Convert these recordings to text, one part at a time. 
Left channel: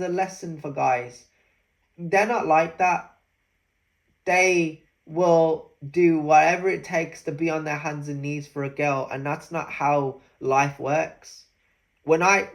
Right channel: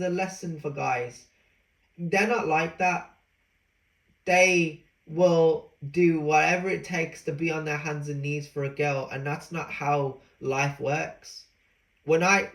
a lesson for guys. They're not like that. They will do whatever it takes to be on their hands and knees for a girl, and that's not how life works. When I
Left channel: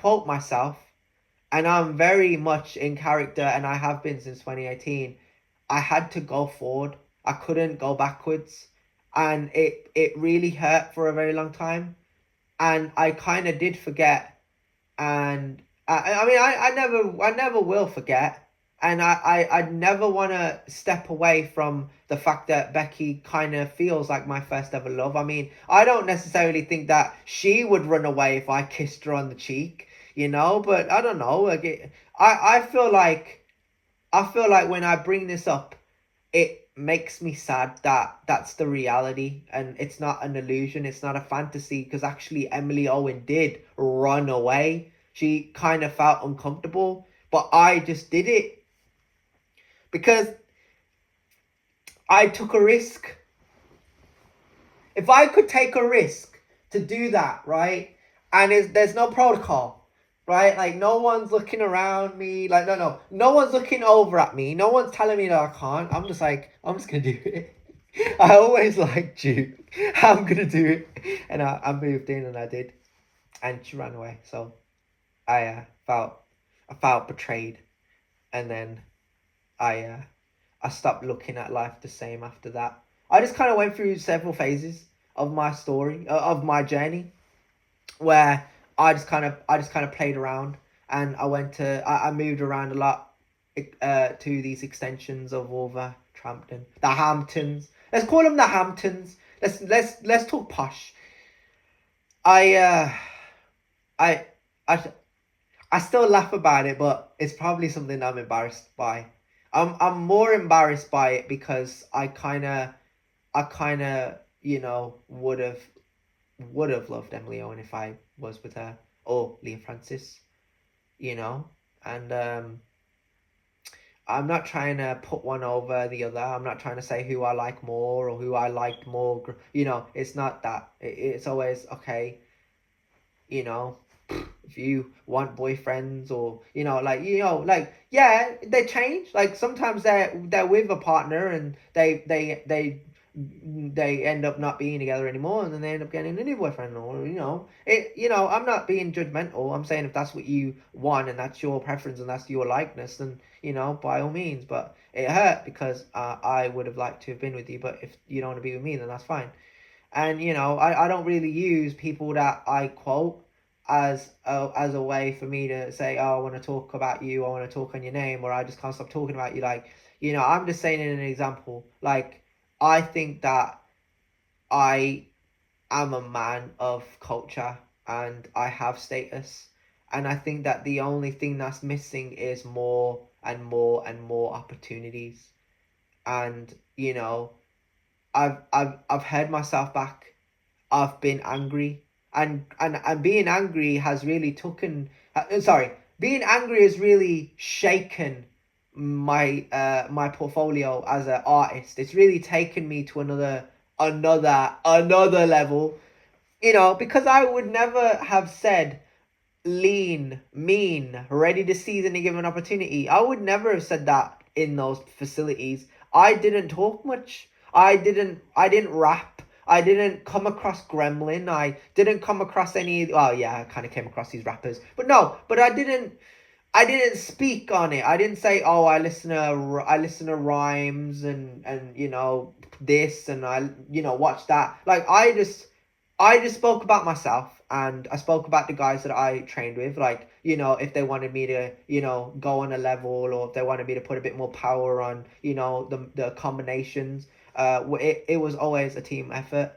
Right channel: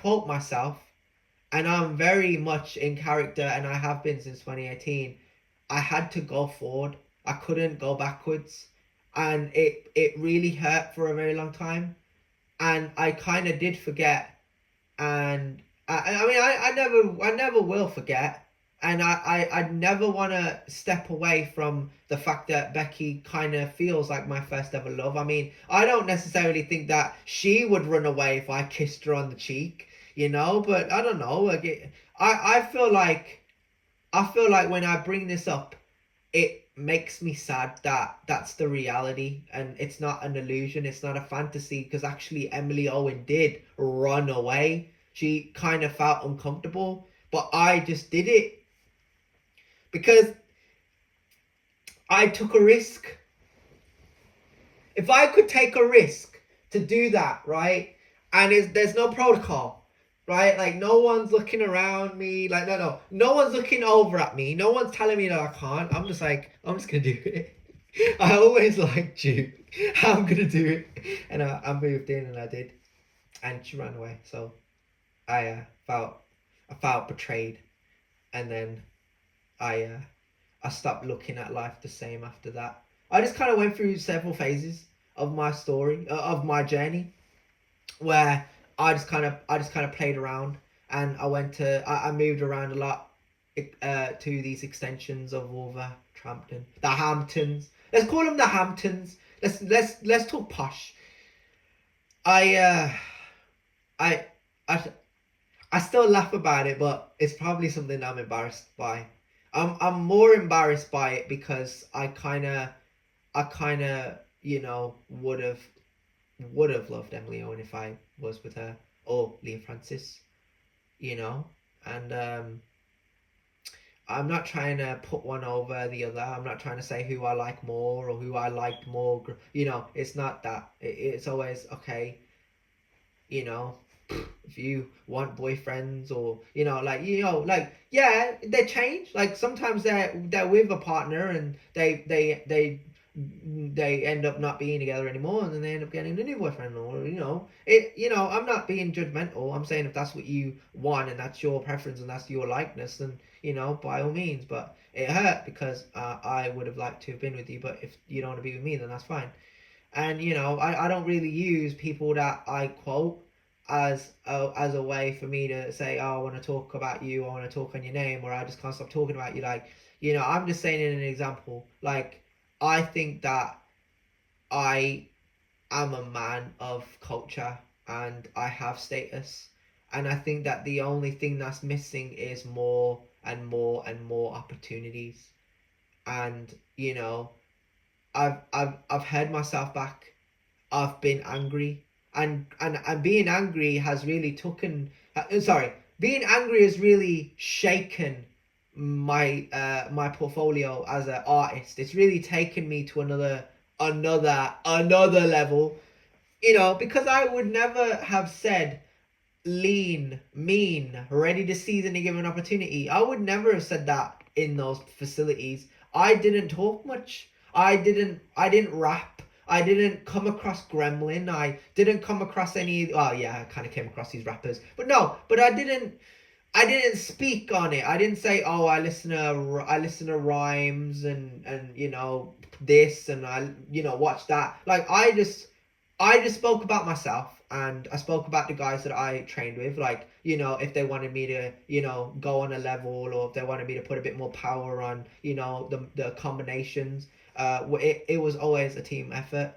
quote myself, and I'm very much in character, and I have been since 2018, I had to go forward. I couldn't go backwards, and it really hurt for a very long time, and I kind of did forget, and I mean I never will forget. And I never want to step away from the fact that Becky kind of feels like my first ever love. I mean, I don't necessarily think that she would run away if I kissed her on the cheek, but I don't know. Like I feel like when I bring this up, it makes me sad that that's the reality, and it's not an illusion. It's not a fantasy, because actually Emily Owen did run away. She kind of felt uncomfortable, but I just did it. Because I took a risk. If I could take a risk to do that, right? And there's no protocol, right? Like, no one's looking around me. Like, no one's looking over at me. No one's telling me that I can't. I'm just like, I'm just going to do it. I always liked you. I'm going to do it. And I moved in, and I did. And she ran away. So I felt betrayed. And then I stopped looking at life the same after that. I just kind of went through several phases of my story, of my journey, where I just kind of played around, and I moved around a lot to these extensions of Wolverhampton, the Hamptons. Let's call them the Hamptons. Let's talk posh. I still laugh about it, but it's probably something I'm embarrassed by. I'm more embarrassed by it because I kind of would have loved Emily Owen if I was with her, or Liam Francis, and I'm not trying to put one over the other. I'm not trying to say who I like more or who I liked more. It's not that. It's always okay. If you want boyfriends, or yeah, they change. Like, sometimes they're with a partner, and they end up not being together anymore, and then they end up getting a new boyfriend, or I'm not being judgmental. I'm saying if that's what you want, and that's your preference, and that's your likeness, then by all means. But it hurt because I would have liked to have been with you, but if you don't want to be with me, then that's fine. And I don't really use people that I quote as a way for me to say, oh, I want to talk about you, I want to talk on your name, or I just can't stop talking about you. Like, I'm just saying in an example. Like, I think that I am a man of culture, and I have status, and I think that the only thing that's missing is more and more and more opportunities. And I've held myself back. I've been angry. And being angry has really being angry has really shaken my my portfolio as an artist. It's really taken me to another level, because I would never have said lean, mean, ready to seize any given opportunity. I would never have said that in those facilities. I didn't talk much. I didn't rap. I didn't come across gremlin. I didn't come across any. Well, yeah, I kind of came across these rappers, but I didn't speak on it. I didn't say, oh, I listen to rhymes and this, and I watch that. Like, I just spoke about myself, and I spoke about the guys that I trained with. Like, if they wanted me to go on a level, or if they wanted me to put a bit more power on the combinations. It was always a team effort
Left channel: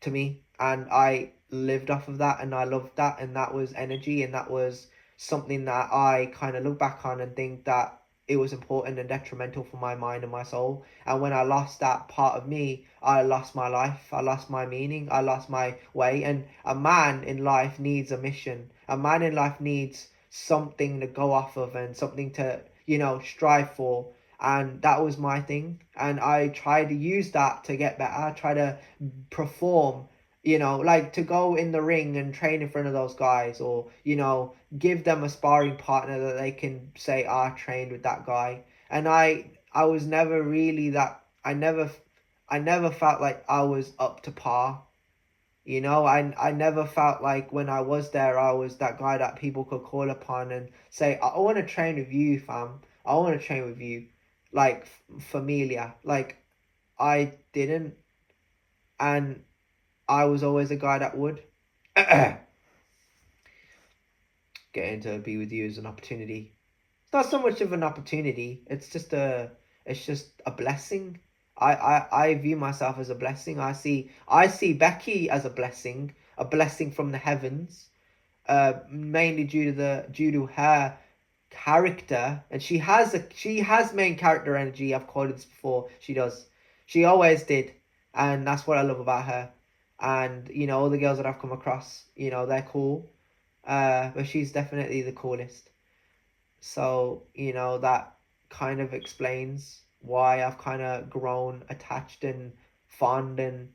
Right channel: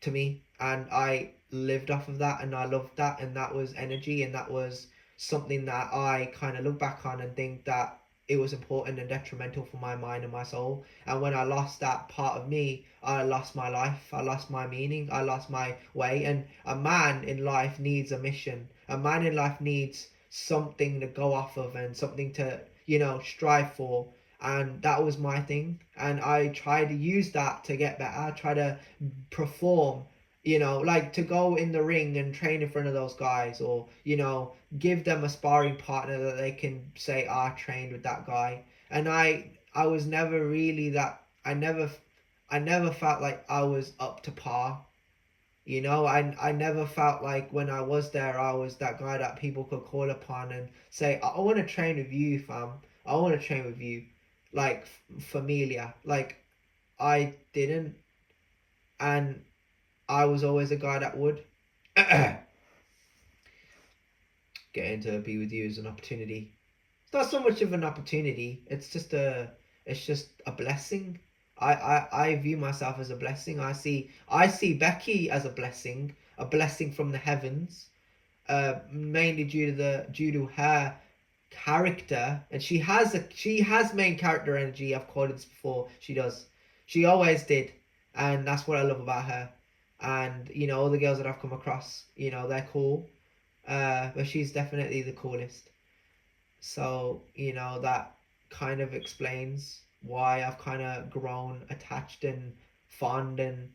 to me, and I lived off of that, and I loved that, and that was energy, and that was something that I kind of look back on and think that it was important and detrimental for my mind and my soul. And when I lost that part of me, I lost my life, I lost my meaning, I lost my way. And a man in life needs a mission. A man in life needs something to go off of, and something to strive for. And that was my thing, and I tried to use that to get better. I try to perform, like to go in the ring and train in front of those guys, or give them a sparring partner that they can say, I trained with that guy. And I was never really that, I never felt like I was up to par. You know, I never felt like when I was there, I was that guy that people could call upon and say, I want to train with you, fam. I want to train with you. Like, familia. Like, I didn't. And I was always a guy that would. Getting to be with you is an opportunity. It's not so much of an opportunity. It's just a blessing. I view myself as a blessing. I see Becky as a blessing from the heavens. Mainly due to her character, and she has main character energy. I've quoted this before. She always did, and that's what I love about her. And you know, all the girls that I've come across, you know, they're cool. But she's definitely the coolest. So, you know, that kind of explains why I've kind of grown attached and fond and,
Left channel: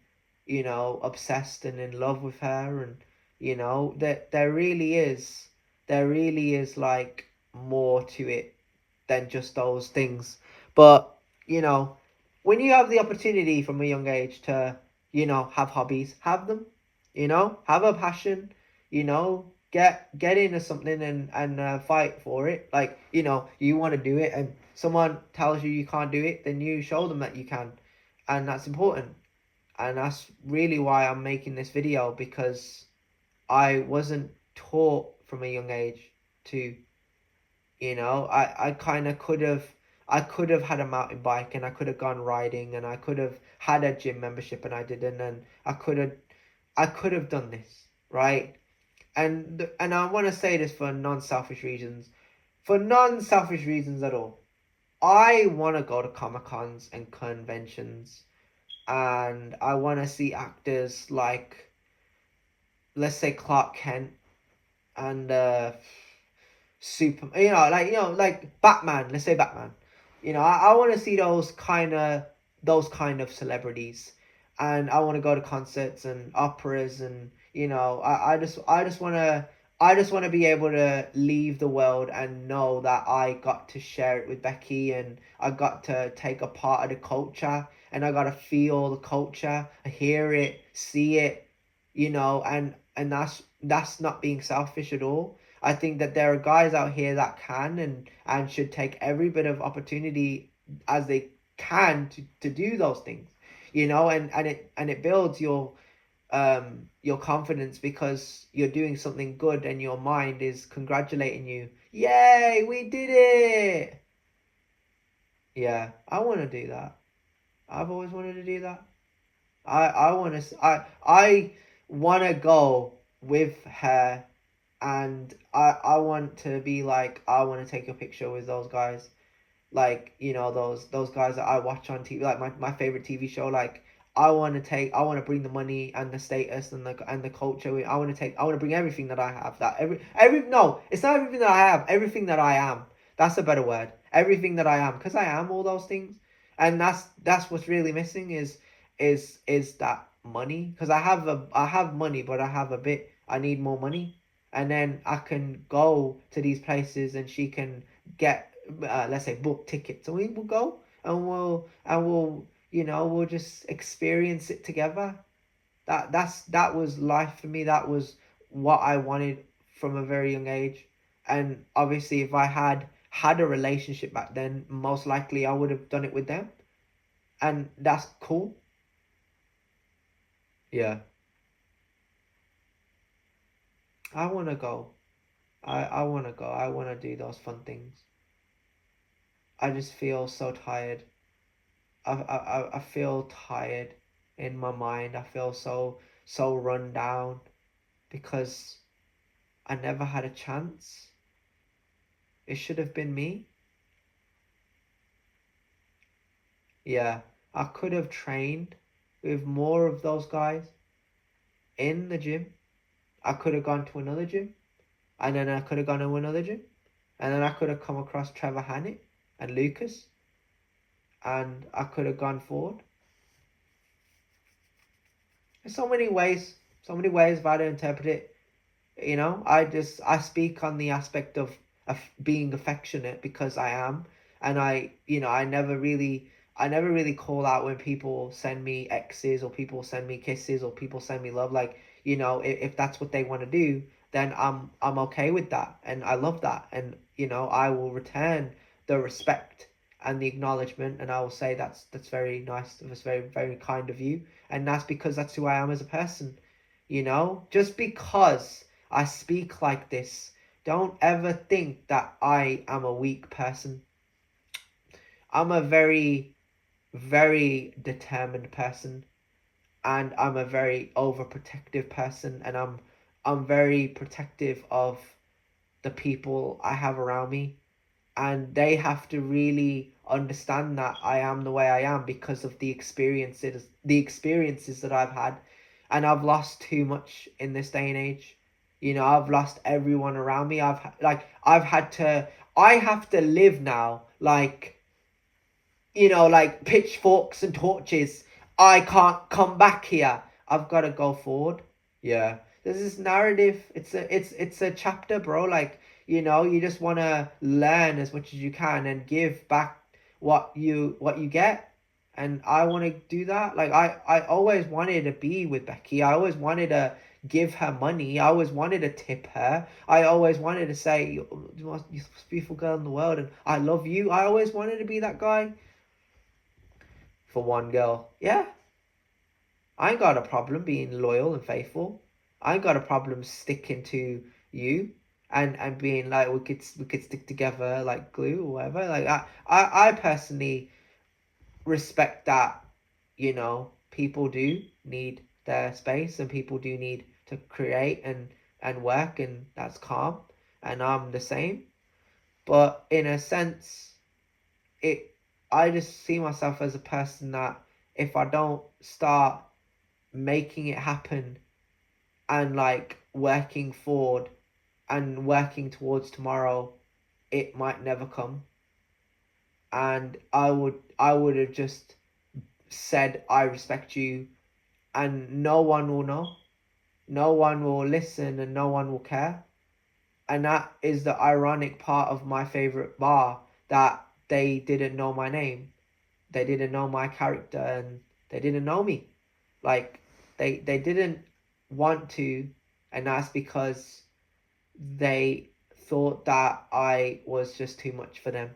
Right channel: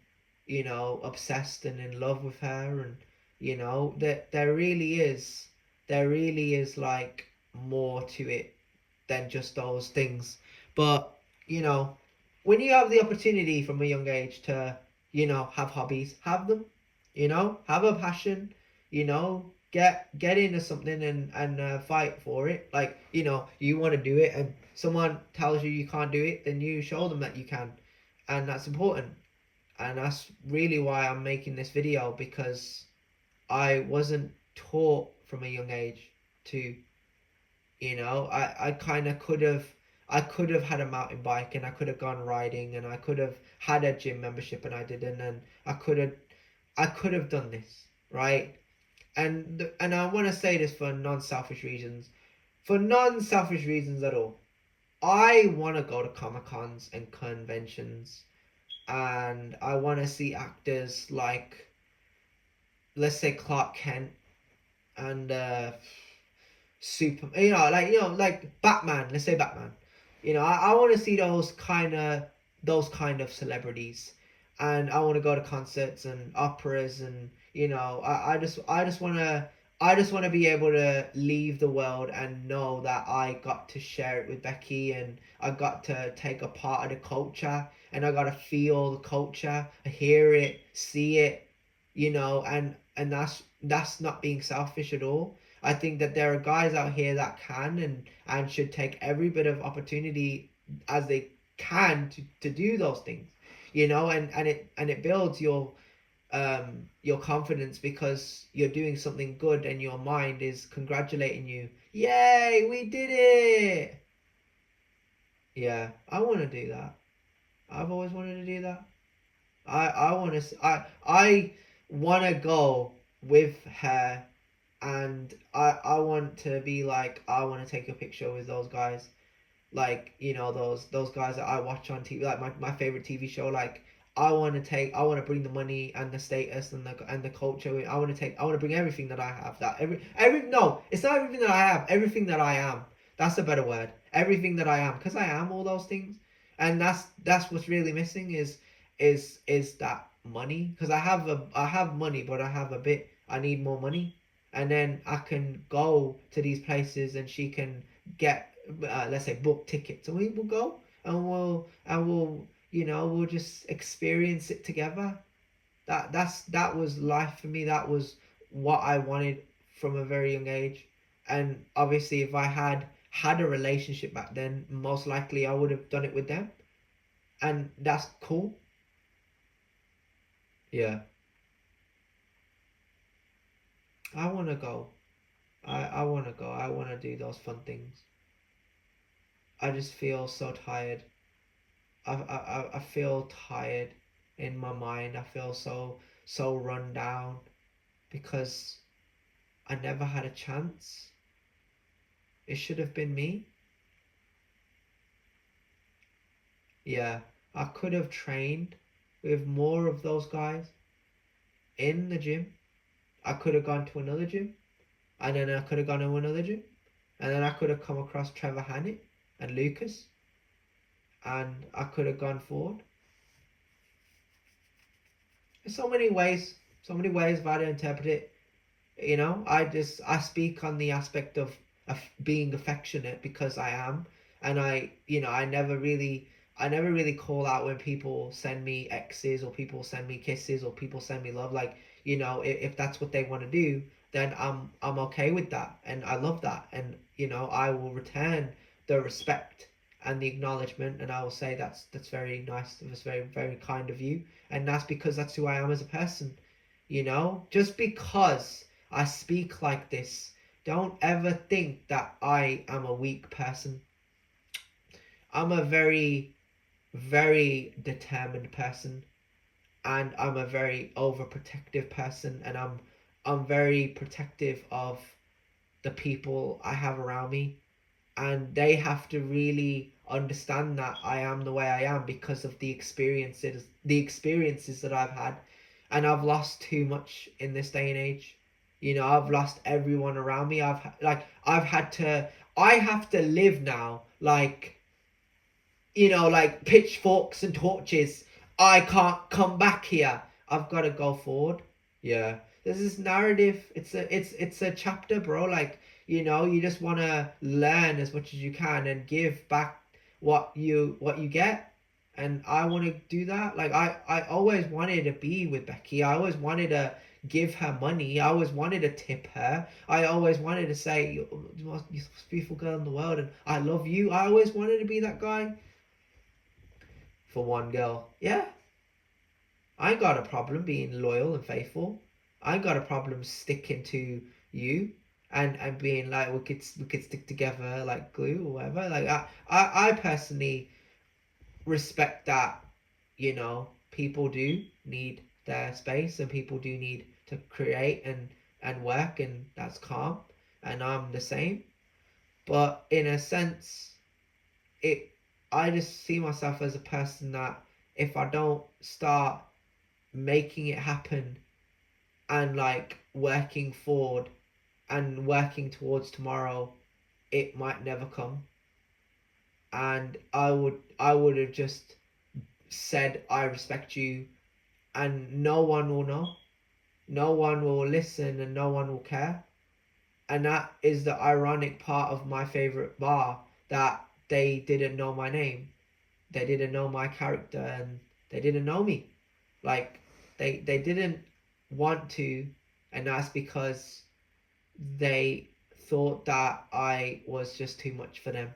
you know, obsessed and in love with her. And, you know, there really is like more to it than just those things. But, you know, when you have the opportunity from a young age to, you know, have hobbies, have them, you know, have a passion, you know, get into something and fight for it. Like, you know, you want to do it and someone tells you can't do it, then you show them that you can. And that's important. And that's really why I'm making this video, because I wasn't taught from a young age to, you know, I kind of could have had a mountain bike and I could have gone riding and I could have had a gym membership and I didn't, and I could have done this, right? And I want to say this for non-selfish reasons. For non-selfish reasons at all. I want to go to Comic-Cons and conventions. And I want to see actors like, let's say, Clark Kent and like Batman. Let's say Batman. You know, I want to see those kind of celebrities. And I want to go to concerts and operas, and you know, I just want to be able to leave the world and know that I got to share it with Becky, and I got to take a part of the culture, and I got to feel the culture, hear it, see it, you know, and that's not being selfish at all. I think that there are guys out here that can and should take every bit of opportunity as they can to do those things, you know, and it builds your confidence, because you're doing something good and your mind is congratulating you. Yay, we did it. Yeah, I want to do that. I've always wanted to do that. I want to I want to go with her, and I want to be like, I want to take a picture with those guys, like, you know, those guys that I watch on TV, like my favorite TV show. Like, I want to bring the money and the status and the culture. I want to bring everything that I have. That no, it's not everything that I have. Everything that I am. That's a better word. Everything that I am, because I am all those things, and that's what's really missing is that money. Because I have money, but I need more money, and then I can go to these places, and she can get let's say book tickets, and we will go and we'll you know, we'll just experience it together. That was life for me. That was what I wanted from a very young age. And obviously, if I had a relationship back then, most likely I would have done it with them, and that's cool. Yeah, I want to go. I want to go. I want to do those fun things. I just feel so tired. I feel tired in my mind. I feel so run down, because I never had a chance. It should have been me. Yeah, I could have trained with more of those guys in the gym. I could have gone to another gym, and then I could have gone to another gym, and then I could have come across Trevor Hannett and Lucas, and I could have gone forward. There's so many ways of how to interpret it. You know, I speak on the aspect of being affectionate because I am, and I never really call out when people send me X's or people send me kisses or people send me love. Like, if that's what they want to do, then I'm okay with that, and I love that, and I will return the respect and the acknowledgement, and I will say that's very nice, that's very, very kind of you, and that's because that's who I am as a person. Just because I speak like this, don't ever think that I am a weak person. I'm a very, very determined person, and I'm a very overprotective person, and I'm very protective of the people I have around me, and they have to really understand that I am the way I am because of the experiences that I've had, and I've lost too much in this day and age. I've lost everyone around me. I have to live now like pitchforks and torches. I can't come back here. I've got to go forward. Yeah. There's this narrative. It's a chapter, bro. Like, you just want to learn as much as you can and give back what you get. And I want to do that. Like, I always wanted to be with Becky. I always wanted to give her money. I always wanted to tip her. I always wanted to say, you're the most beautiful girl in the world and I love you. I always wanted to be that guy for one girl. Yeah, I ain't got a problem being loyal and faithful. I ain't got a problem sticking to you and being like we could stick together like glue or whatever. Like I personally respect that. People do need their space and people do need to create and work, and that's calm, and I'm the same. But in a sense, it I just see myself as a person that if I don't start making it happen and like working forward and working towards tomorrow, it might never come. And I would have just said I respect you, and no one will know, no one will listen, and no one will care. And that is the ironic part of my favorite bar, that they didn't know my name, they didn't know my character, and they didn't know me. Like, they didn't want to, and that's because they thought that I was just too much for them.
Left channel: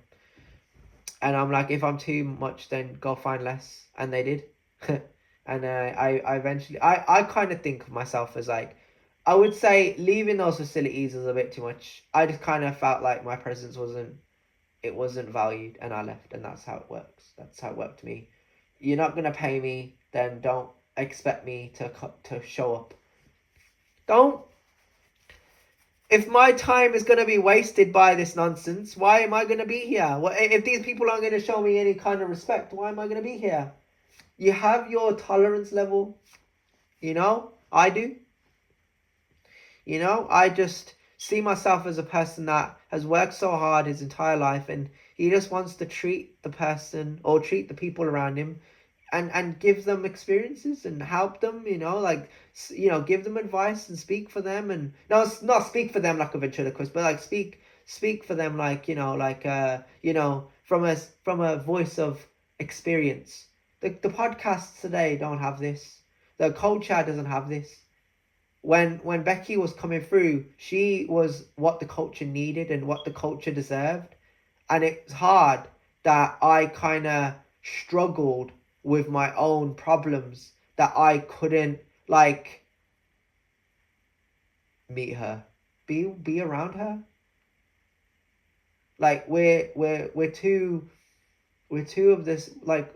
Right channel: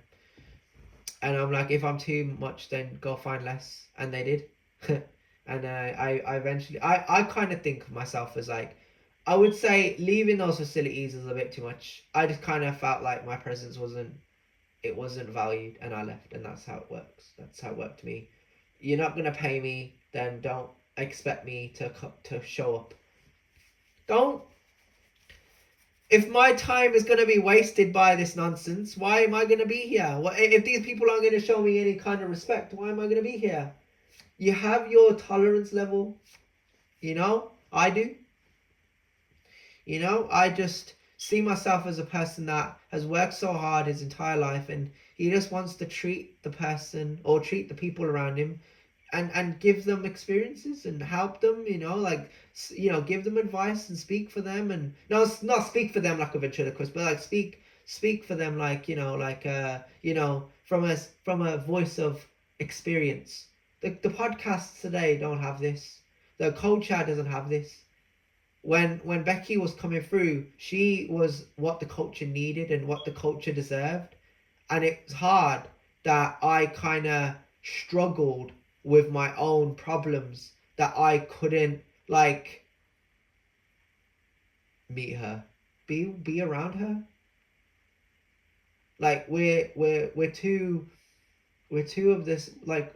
And I'm like, if I'm too much, then go find less. And they did. And I eventually, I kind of think of myself as like, I would say leaving those facilities was a bit too much. I just kind of felt like my presence wasn't valued, and I left, and that's how it works. That's how it worked to me. You're not gonna pay me, then don't expect me to show up. Don't. If my time is gonna be wasted by this nonsense, why am I gonna be here? If these people aren't gonna show me any kind of respect, why am I gonna be here? You have your tolerance level. I do. I just see myself as a person that has worked so hard his entire life, and he just wants to treat the person or treat the people around him and give them experiences and help them, give them advice and speak for them, and no, not speak for them like a ventriloquist, but like speak for them like, from a voice of experience. The podcasts today don't have this. The culture doesn't have this. When Becky was coming through, she was what the culture needed and what the culture deserved. And it's hard that I kind of struggled with my own problems, that I couldn't like meet her, be around her. Like we're two of this, like,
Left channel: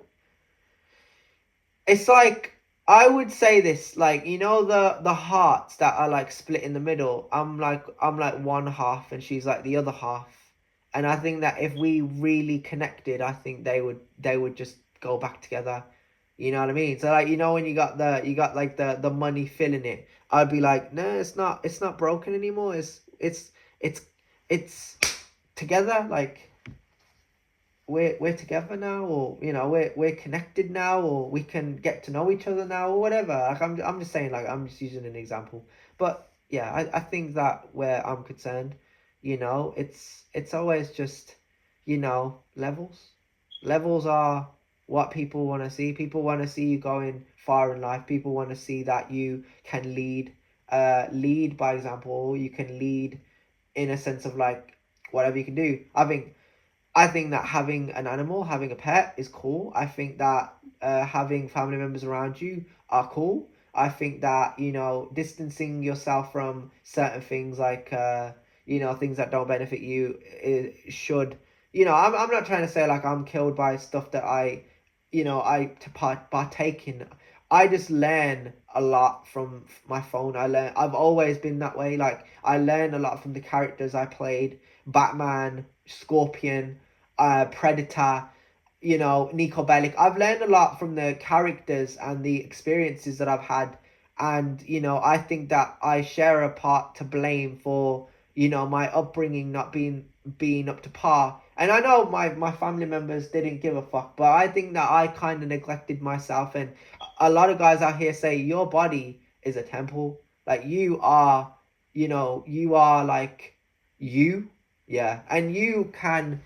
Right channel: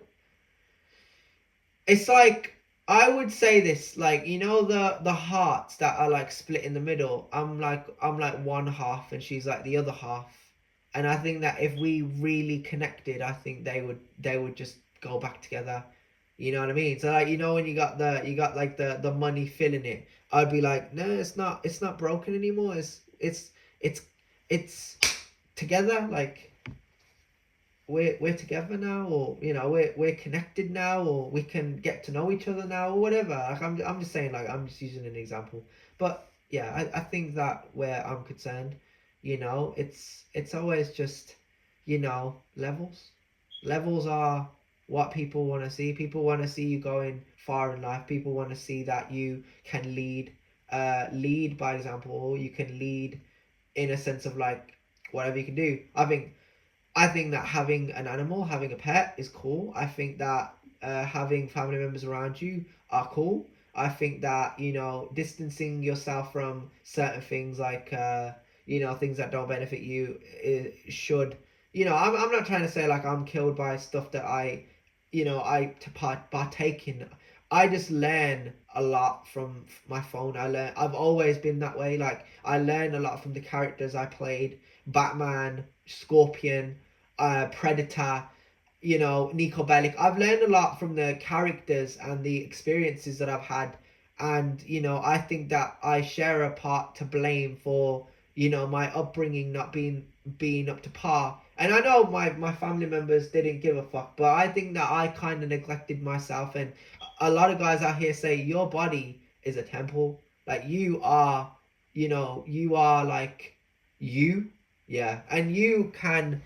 it's like, I would say this, like, the hearts that are like split in the middle. I'm like one half and she's like the other half. And I think that if we really connected, I think they would just go back together. You know what I mean? So like, when you got like the money filling it, I'd be like, no, it's not broken anymore. It's together. Like, we're together now, or we're connected now, or we can get to know each other now, or whatever. Like, I'm just saying, like, I'm just using an example. But yeah, I think that where I'm concerned, it's always just, levels. Levels are what people want to see. People want to see you going far in life. People want to see that you can lead by example. You can lead in a sense of like whatever you can do. I think that having an animal, having a pet is cool. I think that having family members around you are cool. I think that, distancing yourself from certain things like, things that don't benefit you should, I'm not trying to say like I'm killed by stuff that partake in. I just learn a lot from my phone. I've always been that way. Like, I learn a lot from the characters I played. Batman, Scorpion, Predator, Nico Bellic. I've learned a lot from the characters and the experiences that I've had. And, I think that I share a part to blame for, my upbringing not being up to par. And I know my family members didn't give a fuck, but I think that I kind of neglected myself. And a lot of guys out here say your body is a temple. Like, you are like you. Yeah. And you can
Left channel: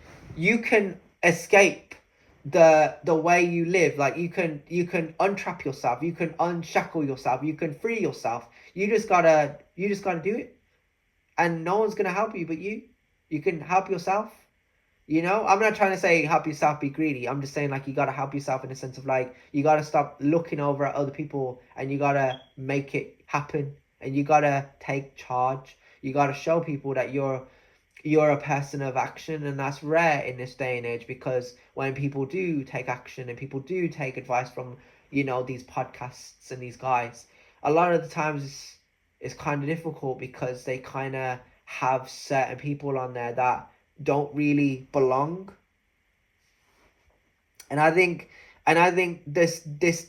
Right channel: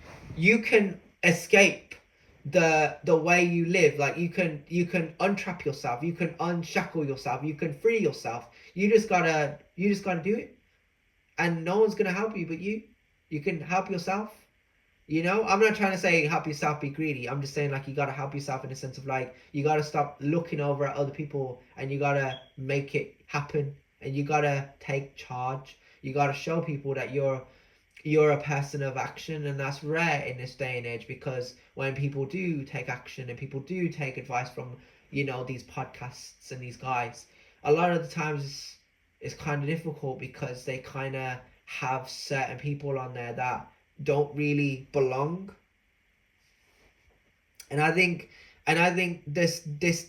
escape the way you live. Like, you can untrap yourself, you can unshackle yourself, you can free yourself. You just gotta do it, and no one's gonna help you but you can help yourself. I'm not trying to say help yourself, be greedy. I'm just saying, like, you gotta help yourself in the sense of like, you gotta stop looking over at other people and you gotta make it happen, and you gotta take charge. You gotta show people that you're a person of action, and that's rare in this day and age, because when people do take action and people do take advice from these podcasts and these guys, a lot of the times it's kind of difficult because they kind of have certain people on there that don't really belong. And I think this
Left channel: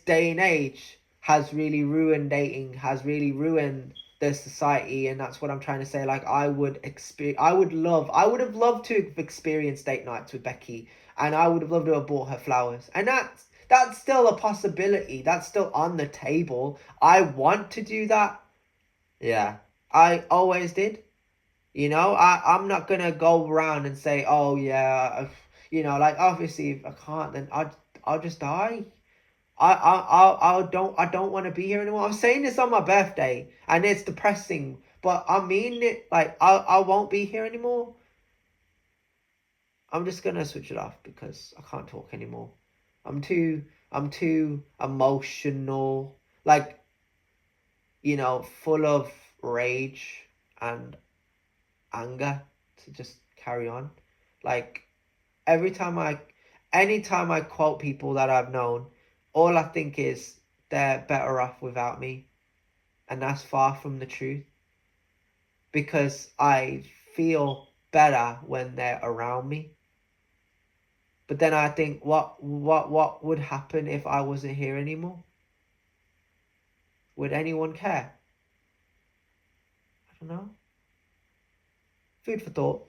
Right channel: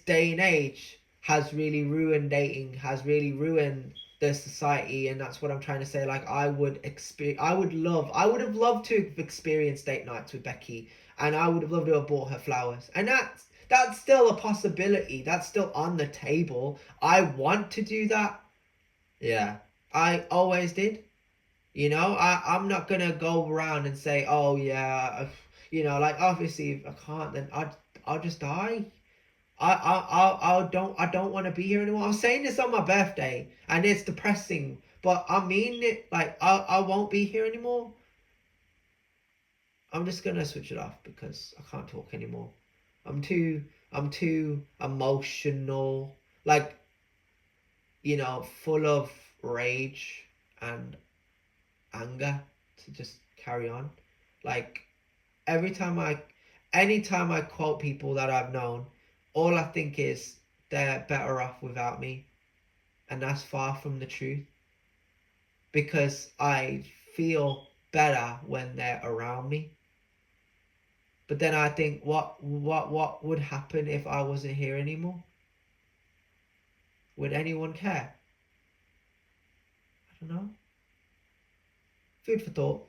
day and age has really ruined dating, has really ruined the society. And that's what I'm trying to say. Like, I would have loved to have experienced date nights with Becky, and I would have loved to have bought her flowers. And that's still a possibility. That's still on the table. I want to do that. Yeah. I always did. I'm not gonna go around and say, oh yeah, like, obviously if I can't, then I'll just die. I don't want to be here anymore. I'm saying this on my birthday, and it's depressing, but I mean it. Like, I won't be here anymore. I'm just gonna switch it off because I can't talk anymore. I'm too emotional, like, full of rage and anger to just carry on. Like, anytime I quote people that I've known, all I think is they're better off without me. And that's far from the truth, because I feel better when they're around me. But then I think, what would happen if I wasn't here anymore? Would anyone care? I don't know. Food for thought.